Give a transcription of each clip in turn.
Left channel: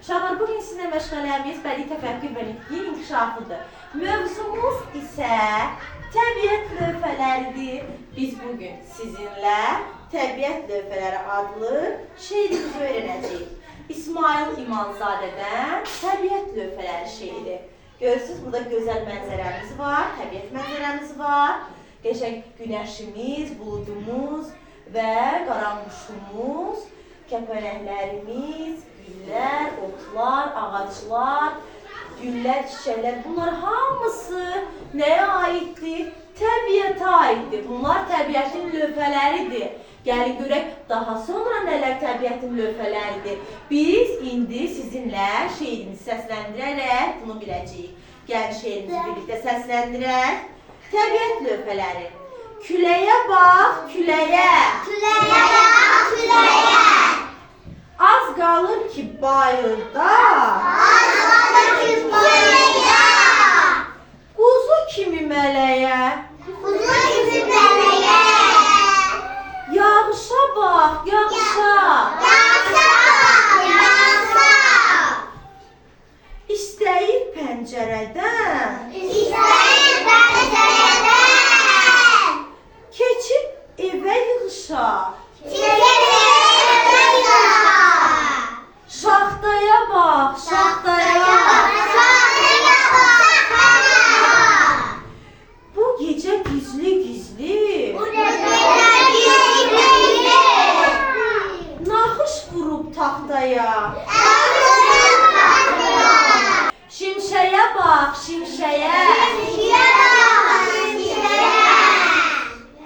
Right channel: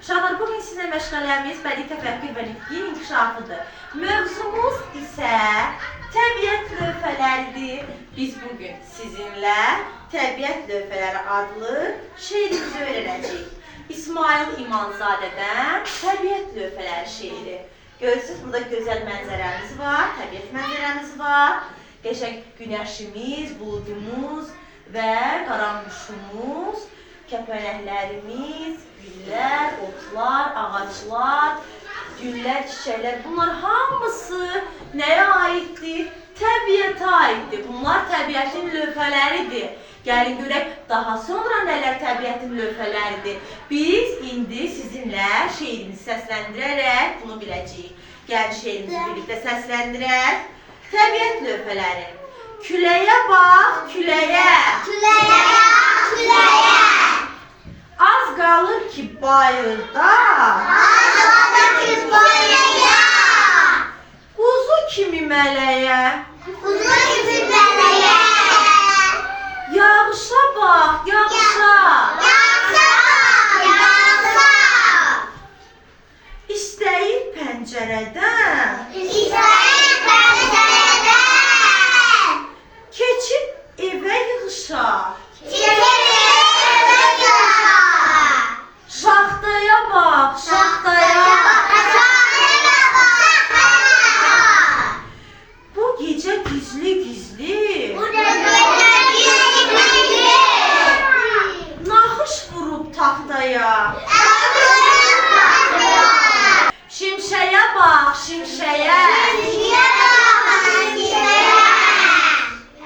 Uşaqlar, bugün sizlə məşğələmiz bədii təfəkkür və nitqin inkişafıdır. Mövzumuz isə təbiət lövhələridir. Biz bugün sizinlə Təbiət Lövhələri adlı şeirimizi öyrənəcəyik. İsmail İmanzadədən Təbiət Lövhələri şeiri. Görürsünüz, burada gözəl mənzərəmiz var, təbiət mənzərəmiz var. Qəşəng günəşimiz, buludumuz və qaranquşumuz, kəpənəklərimiz, güllər, otlar, ağaclar, güllər, çiçəklər, bunlar hamısı nəyə aiddir? Təbiətə aiddir. Bunlar təbiətin lövhələridir. Gəlin görək, daha sonra nələr təbiətin lövhələridir? Biz indi sizinlə şeirimizi səsləndirərək bunu biləcəyik. Gəlin şeirimizi birlikdə səsləndirək. Təbiət lövhələri. Küləyə bax, küləyə. Küləyə bax, küləyə. Az qalır ki bayırda. Az qalır ki bayırda. Quzu kimi mələyə. Quzu kimi mələyə. Yağışa bax, yağışa. Yağışa bax, yağışa. İstəyir pəncərədən. İstəyir pəncərədən. Keçib evə yığışar. Keçib evə yığışar. Şaxtaya bax, şaxtaya. Şaxtaya bax, şaxtaya. Bu gecə gizli-gizli Bu gecə gizli-gizli. naxış vurub taxtaya. Şimşəyə bax, şimşəyə.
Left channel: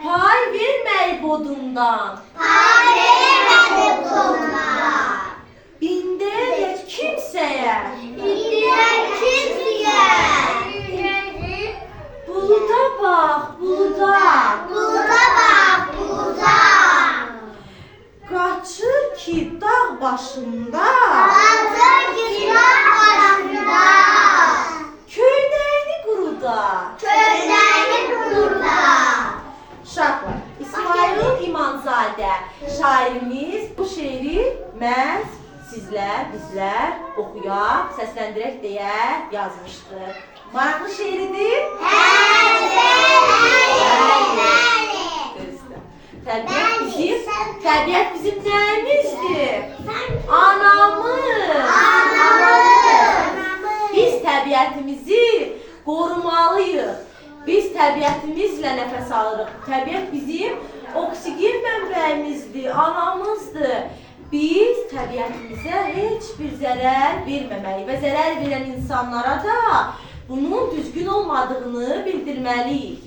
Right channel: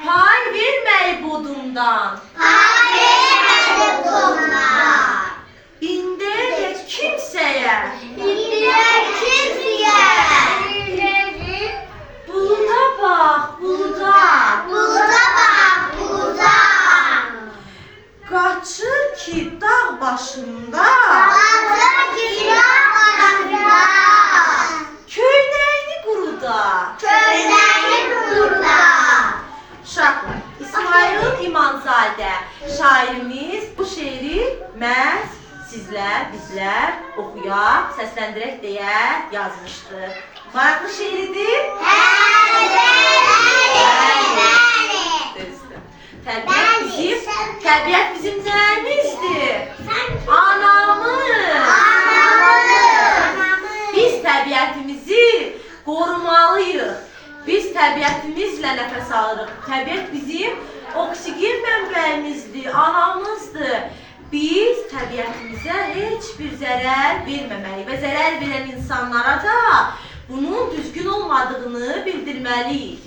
Pay verməyib odundan. İndirək kimsəyə. Buluda bax, buluda. Qaçır ki dağ başında. Köynəyini quruda. Uşaqlar, İsmail İmanzadə şairimiz bu şeiri məhz sizlər, bizlər oxuyaq, səsləndirək deyə yazmışdı. Maraqlı şeiridir. Düzdür. Təbiət bizim nəyimizdir? Anamız. Biz təbiətimizi qorumalıyıq. Biz təbiətimizlə nəfəs alırıq. Təbiət bizim oksigen mənbəyimizdir, anamızdır. Biz təbiətimizə heç bir zərər verməməli və zərər verən insanlara da bunun düzgün olmadığını bildirməliyik.